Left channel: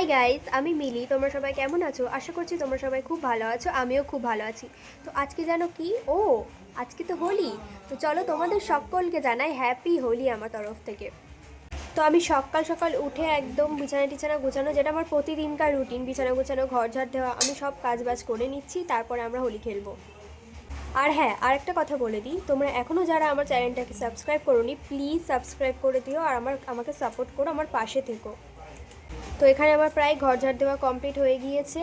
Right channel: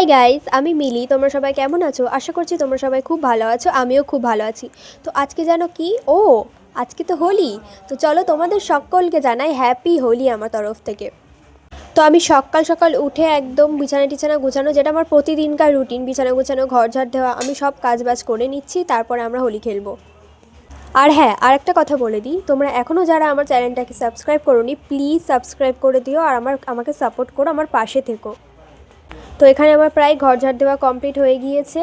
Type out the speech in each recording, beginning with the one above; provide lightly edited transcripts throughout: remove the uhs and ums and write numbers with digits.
Hi guys, আমি মিলি। তোমরা সবাই কেমন আছো? আশা করছি তোমরা সবাই খুব ভালো আছো। আমিও খুব ভালো আছি। তো আজকে জানো কি? আজকে তো হোলি। তো চলো তোমাদের সকলকে জানাই হ্যাপি হোলি আমার তরফ থেকে। তো আমি সকাল সকাল উঠে একদম বিছানা টিছানা গোছানো, যেটা আমার প্রতিদিনকার রুটিন, বিছানা গোছানো, ঘর ঝাড় দেওয়া, আমি সব কাজ বাজ করে নিচ্ছি, তারপরে আমরা হোলি খেলবো। আর হ্যাঁ, আর একটা কথা বলে দিই, তোমরা এখনও যারা আমার চ্যানেলটাকে সাবস্ক্রাইব করোনি, প্লিজ সাবস্ক্রাইব করে দিও আর আমাকে সাপোর্ট করো, আমার পাশে থেকো। তো এখানে আমার প্রায় ঘর ঝাড় দেওয়া কমপ্লিট হয়ে গিয়েছে।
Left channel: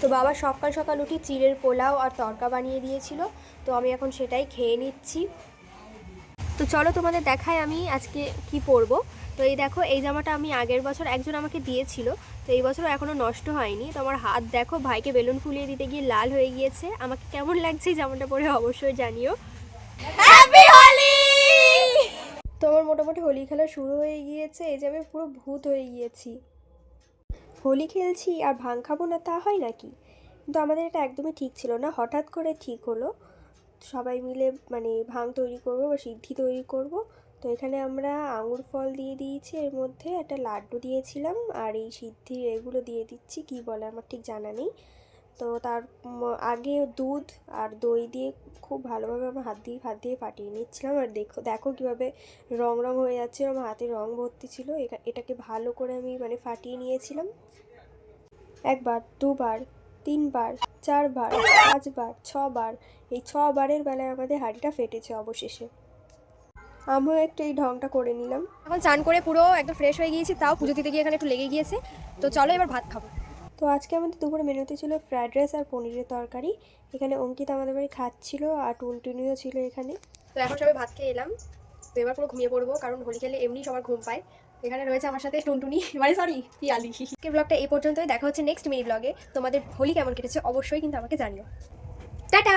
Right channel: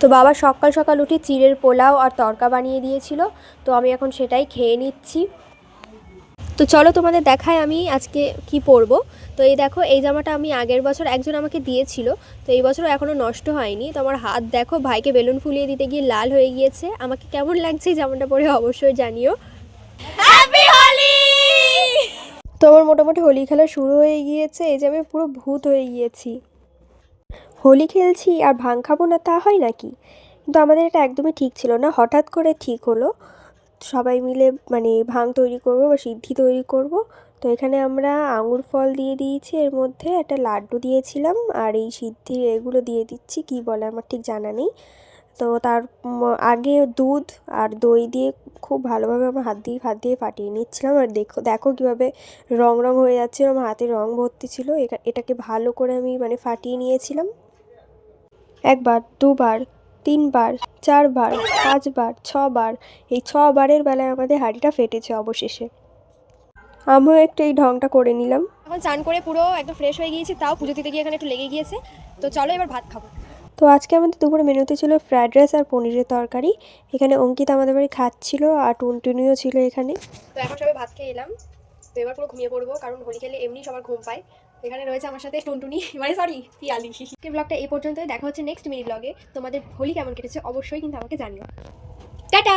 তো বাবা সকাল সকাল উঠে চিড়ের পোলাও আর তড়কা বানিয়ে দিয়েছিল, তো আমি এখন সেটাই খেয়ে নিচ্ছি। তো চলো তোমাদের দেখায় আমি আজকে কি পরবো। তো এই দেখো, এই জামাটা আমি আগের বছর একজন আমাকে দিয়েছিল, তো এই বছরও এখনও নষ্ট হয়নি। তো আমার হাত দেখো, ভাইকে বেলুন ফুলিয়ে দিতে গিয়ে লাল হয়ে গিয়েছে। আমাকে কেমন লাগছে জামাটা পরে অবশ্যই জানিও। হ্যাপি হোলি! তো আমার মোটামুটি হোলি খেলা শুরু হয়ে গিয়েছে। এই যে আমি পুরো ভূত হয়ে গিয়েছি। হোলি খেলছি আর ভাং খাবো না, তা হয় নাকি? কিন্তু আমাদের এটা একদমই ঠিক ছিল না, হঠাৎ করে ঠিক হলো। সবাই মিলে মানে ভাং তৈরি করব বা সিদ্ধি তৈরি করব। তো এখানে আমরা আঙুর ফল দিয়ে দিয়েছি, এর মধ্যে একটা লাড্ডু দিয়েছিলাম, আর এই সিদ্ধি এগুলো দিয়ে দিচ্ছি, কি বলে আমার ঠিক জানা নেই। তো তার আগে দুধ আর দই দিয়ে খুব ভালোভাবে আমার হাত দিয়ে ফাটিয়ে নিচ্ছিলাম। আর দেখো দেখো কীভাবে রং রং হয়ে যাচ্ছিল, আমার হাতে রং ভর্তি ছিল। এটাকে ভালো করে আমি মানে ফাটিয়ে নিয়েছিলাম। একবার, দুবার, তিনবার, চারবার, পাঁচবার, ছবার, এই ছবারের বেলায় আমাদের হাঁড়িটা ফেটেছে অবশেষে। আমিও একটু এই ঢংটা করে নিলাম। এখন চান করে পুরো একদম ফ্রেশ হয়ে গিয়েছি, তাও পুজো দিতে গিয়ে এখানে একটু লেগে গিয়েছে। তো চলো এবার ভাত খাবো। তো আজকে আমাদের দুপুরে মেনুতে ছিল ফ্রায়েড রাইস আর পনিরের তরকারি। এখানে অঙ্কিতা আমাদের বাড়ি খাচ্ছিল, আর টুনটুনিও ছিল এখানে। তো এখন সবাই ভাত খেয়ে এলাম। তো এবার পুরো ঘুমিয়ে পড়বো, কারণ হোলি খেলে এমনি সবার ঘুম পায়। এখানে রয়েছে আমার সাথে টুনটুনি, মানে সরি পিয়ালি। ব্লগটা এই পর্যন্তই, দেখা হচ্ছে নেক্সট মিনি ব্লগে। তোমাদের হোলি কেমন কেটেছে অবশ্যই কিন্তু আমাকে জানিও। টাটা।